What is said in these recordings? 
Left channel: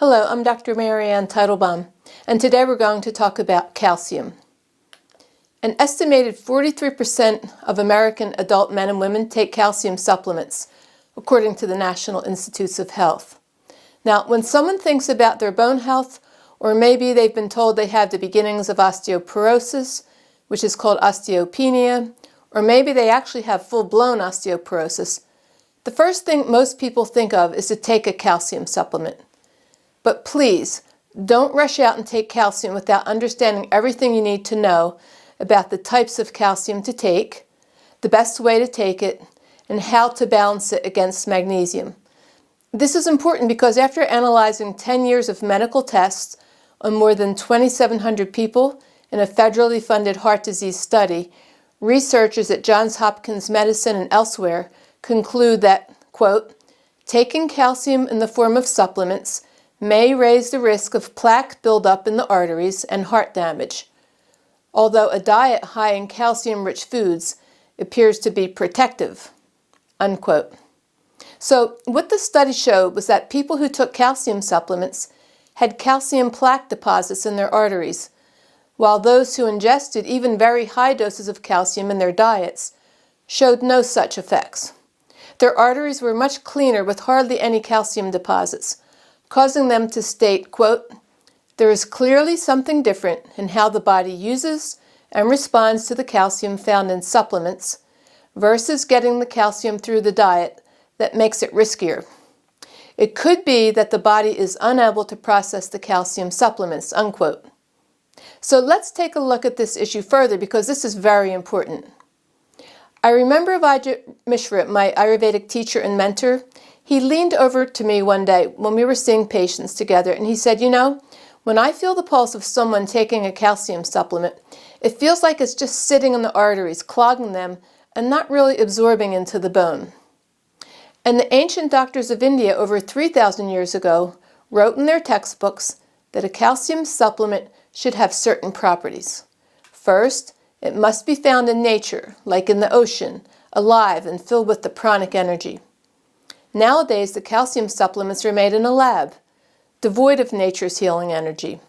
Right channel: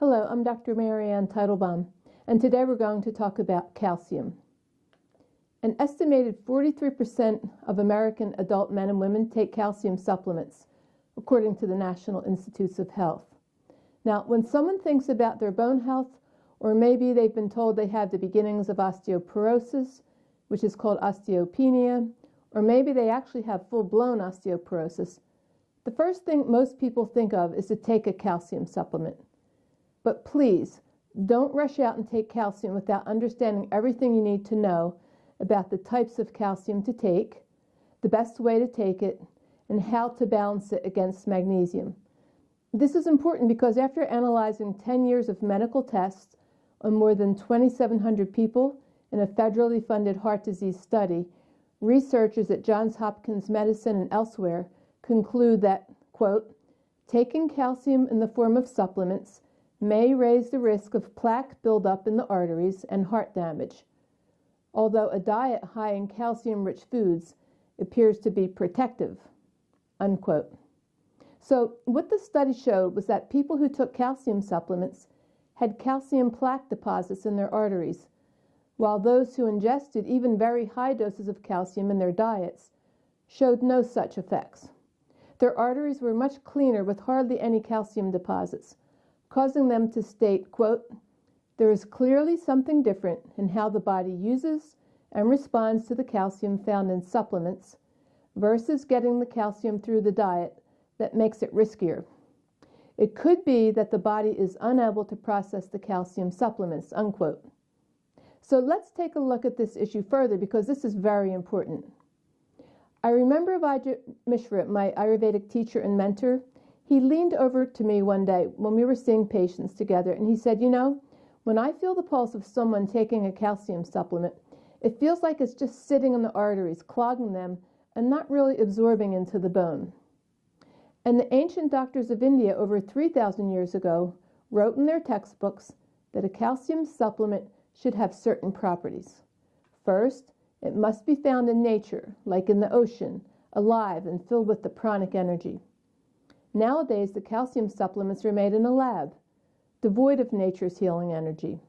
Hello, I'm Dr. Marianne Teitelbaum, and today we're going to talk about calcium. An estimated 43% of American adult men and women take calcium supplements, according to the National Institutes of Health. Now, when someone thinks about their bone health, or maybe they've been told they have the beginnings of osteoporosis, which is called osteopenia, or maybe they actually have full-blown osteoporosis, the first thing most people think of is to take a calcium supplement. But please, don't rush out and take calcium without understanding everything you need to know about the types of calcium to take, the best way to take it, and how to balance it against magnesium. This is important because after analyzing 10 years of medical tests on more than 2,700 people in a federally funded heart disease study, researchers at Johns Hopkins Medicine and elsewhere conclude that, quote, taking calcium in the form of supplements may raise the risk of plaque buildup in the arteries and heart damage, although a diet high in calcium-rich foods appears to be protective, unquote. So what the study showed was that people who took calcium supplements had calcium plaque deposits in their arteries, while those who ingested even very high doses of calcium in their diets showed no such effects. Their arteries were much cleaner with hardly any calcium deposits, causing them to state, quote, there is clearly something different in how the body uses and responds to the calcium found in supplements versus getting the calcium through the diet that makes it riskier. It could be that the body is unable to process the calcium supplements, unquote. So let's take a look at this issue further because this is very important. I remember Vijay Mishra, my Ayurvedic teacher and mentor. He leaned over to me one day when we were seeing patients together and he said, you know, when I feel the pulse of someone taking a calcium supplement, it feels like it's just sitting in the arteries, clogging them, and not really absorbing into the bone. And the ancient doctors of India over 3,000 years ago wrote in their textbooks that a calcium supplement should have certain properties. First, it must be found in nature, like in the ocean, alive and filled with the pranic energy. Nowadays, the calcium supplements are made in a lab, devoid of nature's healing energy.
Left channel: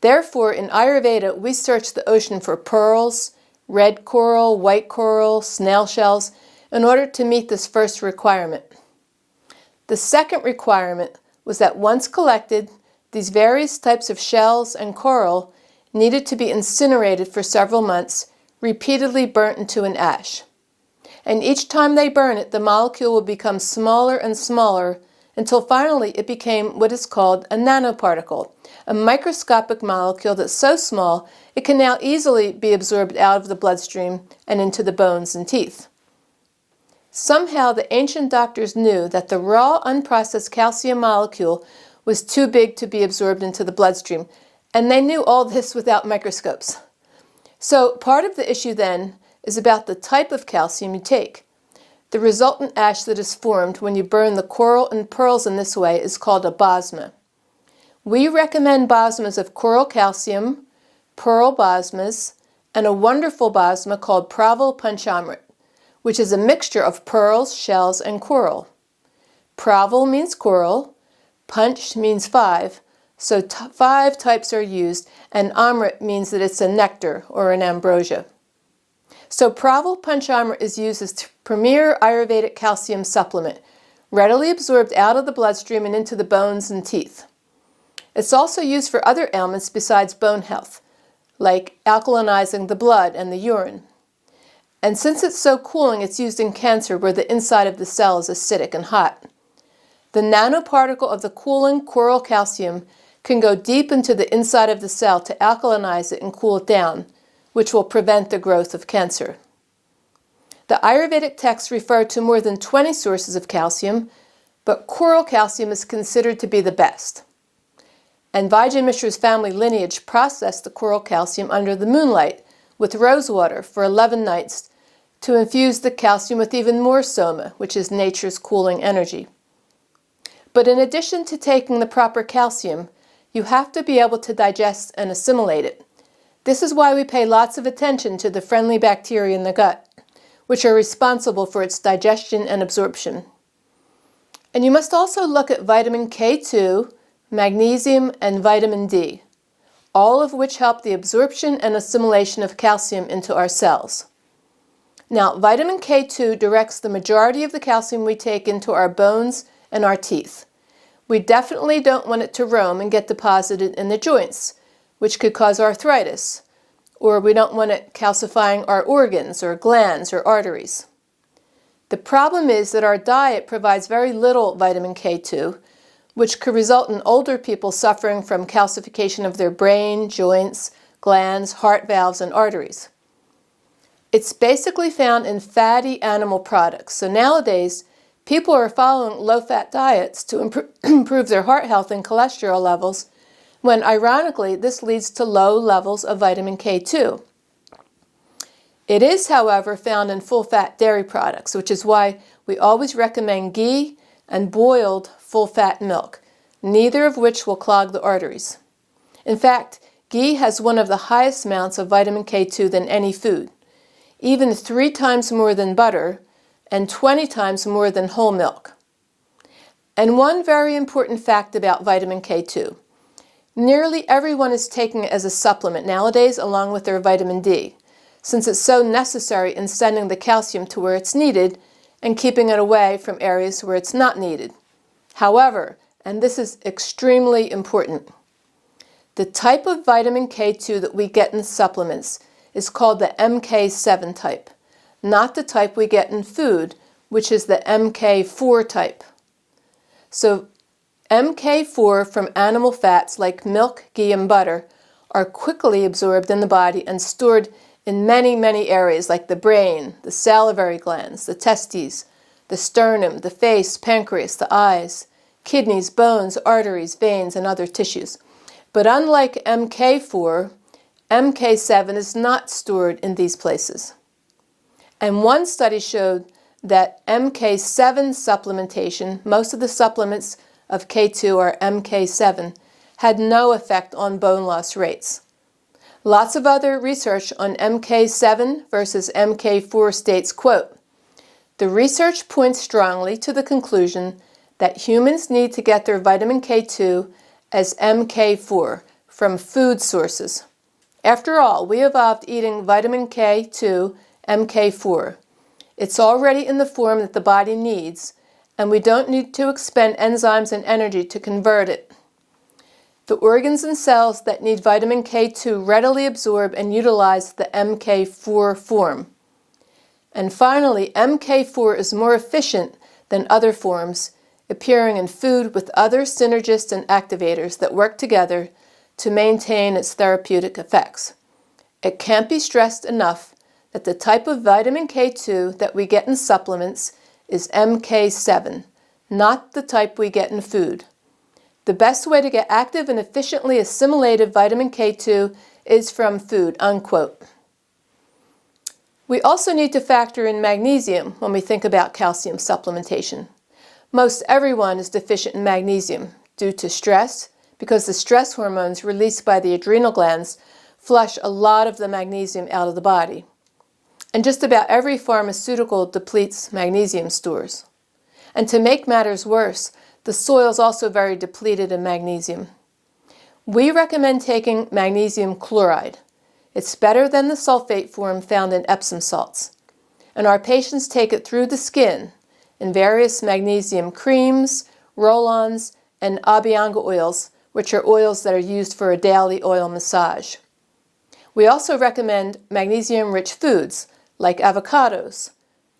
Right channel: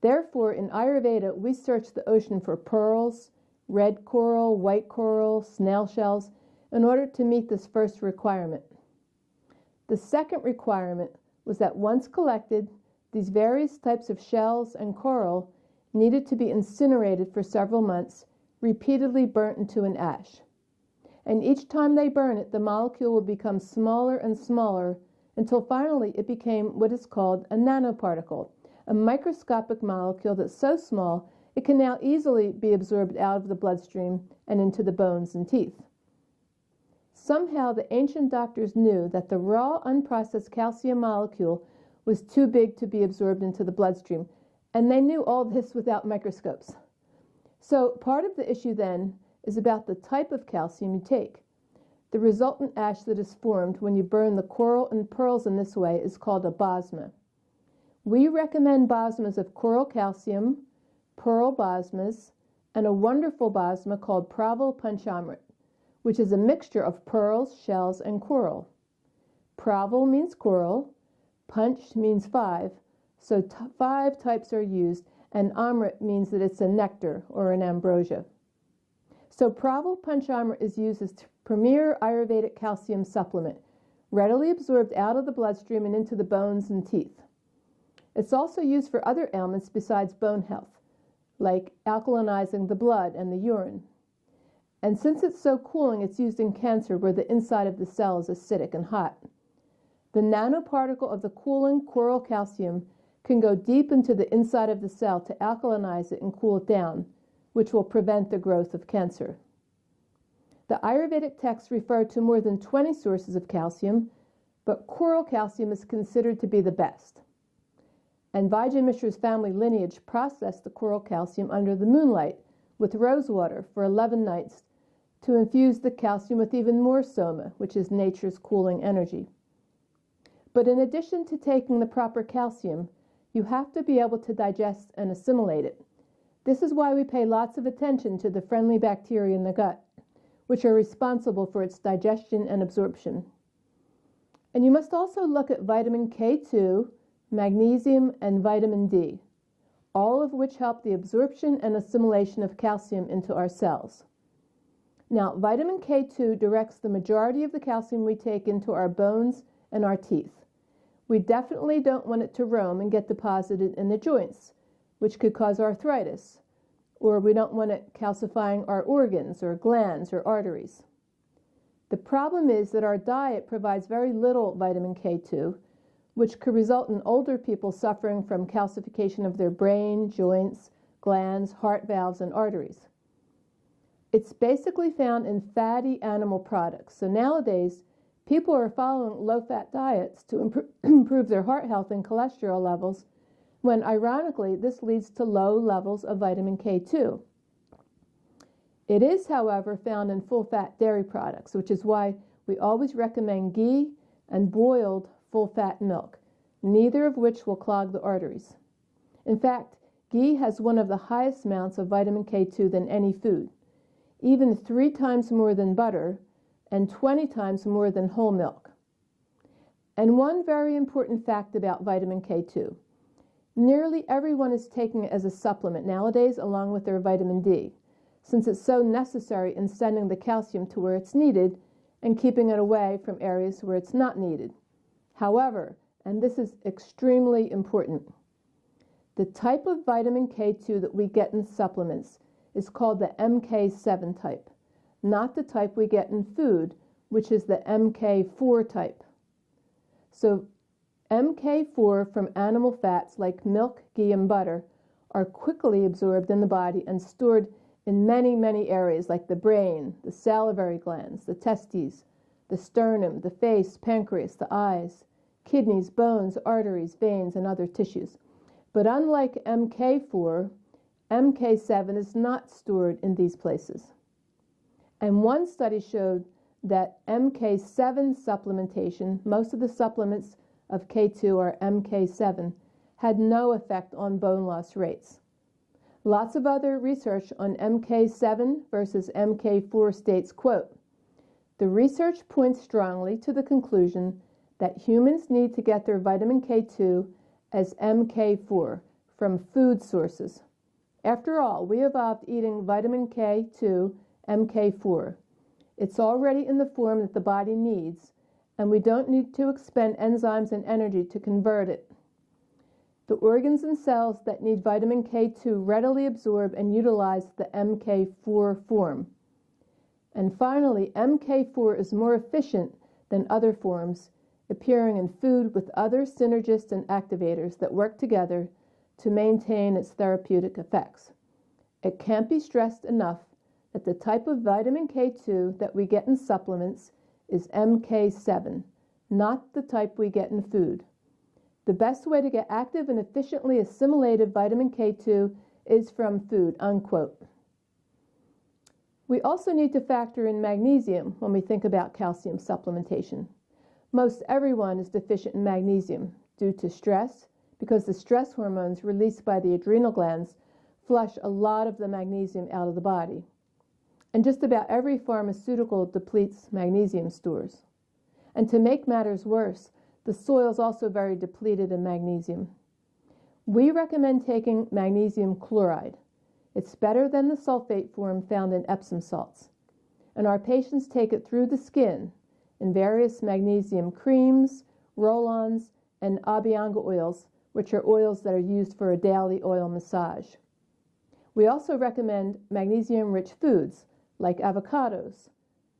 Therefore, in Ayurveda, we search the ocean for pearls, red coral, white coral, snail shells, in order to meet this first requirement. The second requirement was that once collected, these various types of shells and coral needed to be incinerated for several months, repeatedly burnt into an ash. And each time they burn it, the molecule will become smaller and smaller until finally it became what is called a nanoparticle, a microscopic molecule that's so small it can now easily be absorbed out of the bloodstream and into the bones and teeth. Somehow the ancient doctors knew that the raw, unprocessed calcium molecule was too big to be absorbed into the bloodstream, and they knew all this without microscopes. So part of the issue then is about the type of calcium you take. The resultant ash that is formed when you burn the coral and pearls in this way is called a basma. We recommend basmas of coral calcium, pearl basmas, and a wonderful basma called Praval Panchamrit, which is a mixture of pearls, shells, and coral. Praval means coral, Panch means 5, so 5 types are used, and Amrit means that it's a nectar or an ambrosia. So Praval Panchamrit is used as premier Ayurvedic calcium supplement, readily absorbed out of the bloodstream and into the bones and teeth. It's also used for other ailments besides bone health, like alkalinizing the blood and the urine. And since it's so cooling, it's used in cancer where the inside of the cell is acidic and hot. The nanoparticle of the cooling coral calcium can go deep into the inside of the cell to alkalinize it and cool it down, which will prevent the growth of cancer. The Ayurvedic texts refer to more than 20 sources of calcium, but coral calcium is considered to be the best. And Vijay Mishra's family lineage processed the coral calcium under the moonlight with rose water for 11 nights to infuse the calcium with even more soma, which is nature's cooling energy. But in addition to taking the proper calcium, you have to be able to digest and assimilate it. This is why we pay lots of attention to the friendly bacteria in the gut, which are responsible for its digestion and absorption. And you must also look at vitamin K2, magnesium, and vitamin D, all of which help the absorption and assimilation of calcium into our cells. Now, vitamin K2 directs the majority of the calcium we take into our bones and our teeth. We definitely don't want it to roam and get deposited in the joints, which could cause arthritis, or we don't want it calcifying our organs or glands or arteries. The problem is that our diet provides very little vitamin K2, which could result in older people suffering from calcification of their brain, joints, glands, heart valves, and arteries. It's basically found in fatty animal products. So nowadays, people are following low-fat diets to improve their heart health and cholesterol levels, when ironically, this leads to low levels of vitamin K2. It is, however, found in full-fat dairy products, which is why we always recommend ghee and boiled full-fat milk, neither of which will clog the arteries. In fact, ghee has one of the highest amounts of vitamin K2 than any food, even 3 times more than butter and 20 times more than whole milk. And one very important fact about vitamin K2. Nearly everyone is taking it as a supplement nowadays along with their vitamin D, since it's so necessary in sending the calcium to where it's needed and keeping it away from areas where it's not needed. However, and this is extremely important, the type of vitamin K2 that we get in supplements is called the MK7 type, not the type we get in food, which is the MK4 type. So MK4 from animal fats like milk, ghee, and butter are quickly absorbed in the body and stored in many, many areas like the brain, the salivary glands, the testes, the sternum, the face, pancreas, the eyes, kidneys, bones, arteries, veins, and other tissues. But unlike MK4, MK7 is not stored in these places. And one study showed that MK7 supplementation, most of the supplements of K2 are MK7, had no effect on bone loss rates. Lots of other research on MK7 versus MK4 states, quote, "The research points strongly to the conclusion that humans need to get their vitamin K2 as MK4 from food sources. After all, we evolved eating vitamin K2, MK4. It's already in the form that the body needs, and we don't need to expend enzymes and energy to convert it. The organs and cells that need vitamin K2 readily absorb and utilize the MK4 form. And finally, MK4 is more efficient than other forms, appearing in food with other synergists and activators that work together to maintain its therapeutic effects. It can't be stressed enough that the type of vitamin K2 that we get in supplements is MK7, not the type we get in food. The best way to get active and efficiently assimilated vitamin K2 is from food," unquote. We also need to factor in magnesium when we think about calcium supplementation. Most everyone is deficient in magnesium due to stress, because the stress hormones released by the adrenal glands flush a lot of the magnesium out of the body. And just about every pharmaceutical depletes magnesium stores. And to make matters worse, the soil is also very depleted in magnesium. We recommend taking magnesium chloride. It's better than the sulfate form found in Epsom salts. And our patients take it through the skin in various magnesium creams, roll-ons, and abhyanga oils, which are oils that are used for a daily oil massage. We also recommend magnesium-rich foods like avocados,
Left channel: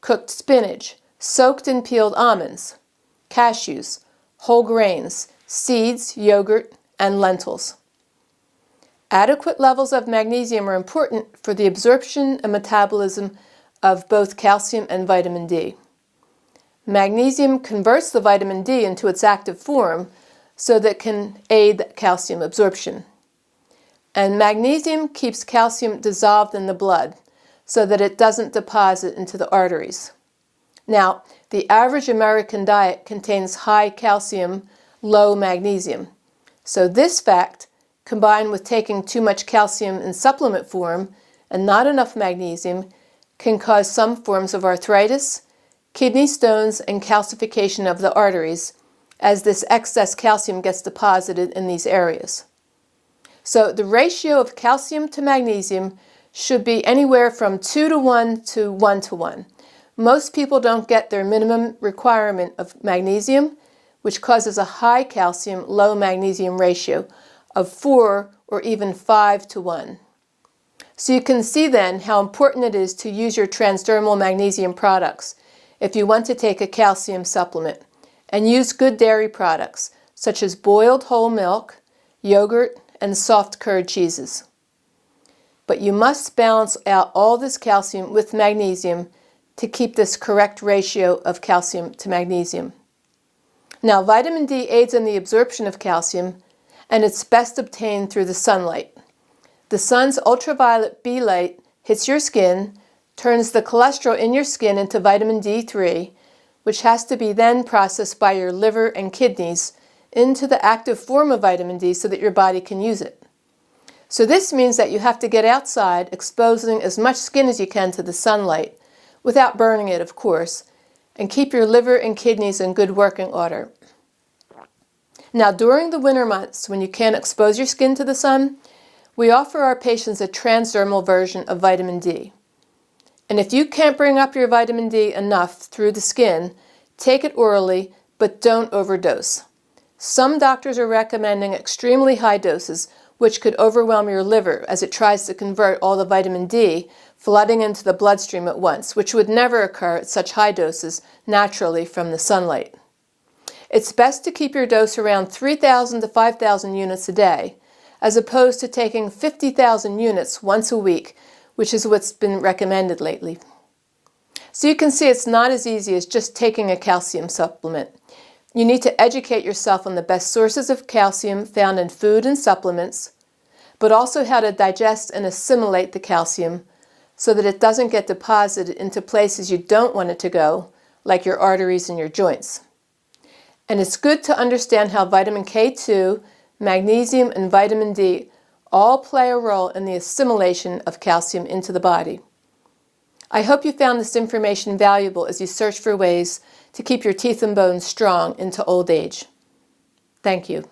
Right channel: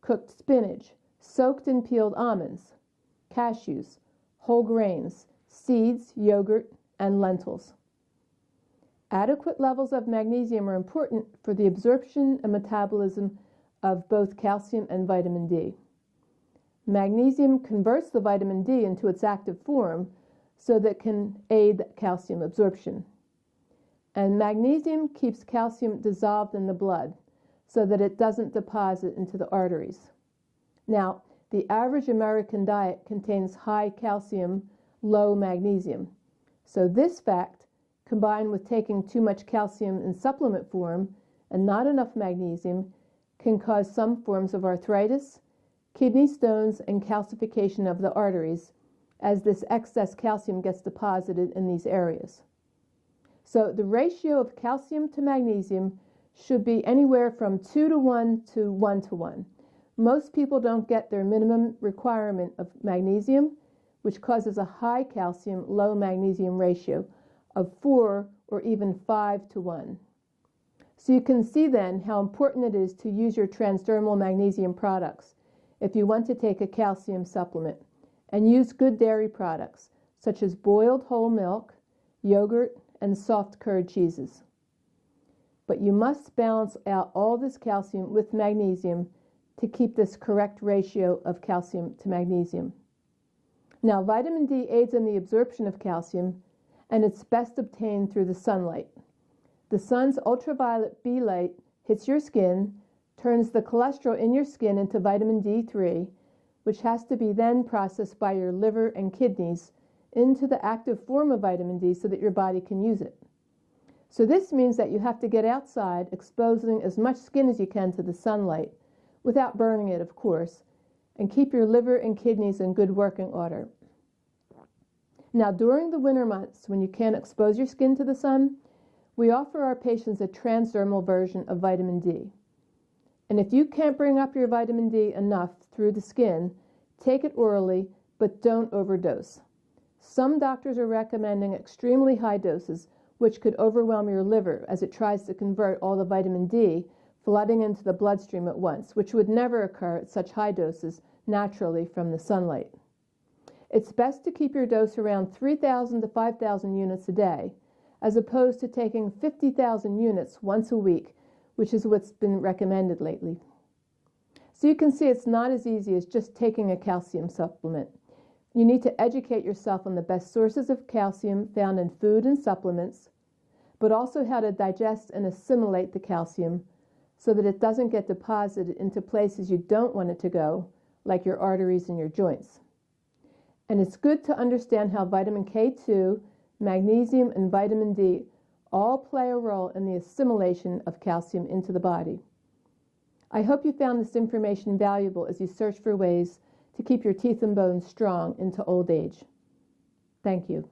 cooked spinach, soaked and peeled almonds, cashews, whole grains, seeds, yogurt, and lentils. Adequate levels of magnesium are important for the absorption and metabolism of both calcium and vitamin D. Magnesium converts the vitamin D into its active form so that it can aid calcium absorption. And magnesium keeps calcium dissolved in the blood so that it doesn't deposit into the arteries. Now, the average American diet contains high calcium, low magnesium. So this fact, combined with taking too much calcium in supplement form and not enough magnesium, can cause some forms of arthritis, kidney stones, and calcification of the arteries, as this excess calcium gets deposited in these areas. So the ratio of calcium to magnesium should be anywhere from 2:1 to 1:1. Most people don't get their minimum requirement of magnesium, which causes a high calcium, low magnesium ratio of 4 or even 5:1. So you can see then how important it is to use your transdermal magnesium products if you want to take a calcium supplement, and use good dairy products such as boiled whole milk, yogurt, and soft curd cheeses. But you must balance out all this calcium with magnesium to keep this correct ratio of calcium to magnesium. Now, vitamin D aids in the absorption of calcium, and it's best obtained through the sunlight. The sun's ultraviolet B light hits your skin, turns the cholesterol in your skin into vitamin D3, which has to be then processed by your liver and kidneys into the active form of vitamin D so that your body can use it. So this means that you have to get outside, exposing as much skin as you can to the sunlight, without burning it, of course, and keep your liver and kidneys in good working order. Now, during the winter months, when you can't expose your skin to the sun, we offer our patients a transdermal version of vitamin D. And if you can't bring up your vitamin D enough through the skin, take it orally, but don't overdose. Some doctors are recommending extremely high doses, which could overwhelm your liver as it tries to convert all the vitamin D flooding into the bloodstream at once, which would never occur at such high doses naturally from the sunlight. It's best to keep your dose around 3,000 to 5,000 units a day, as opposed to taking 50,000 units once a week, which is what's been recommended lately. So you can see it's not as easy as just taking a calcium supplement. You need to educate yourself on the best sources of calcium found in food and supplements, but also how to digest and assimilate the calcium so that it doesn't get deposited into places you don't want it to go, like your arteries and your joints. And it's good to understand how vitamin K2, magnesium, and vitamin D all play a role in the assimilation of calcium into the body. I hope you found this information valuable as you search for ways to keep your teeth and bones strong into old age. Thank you.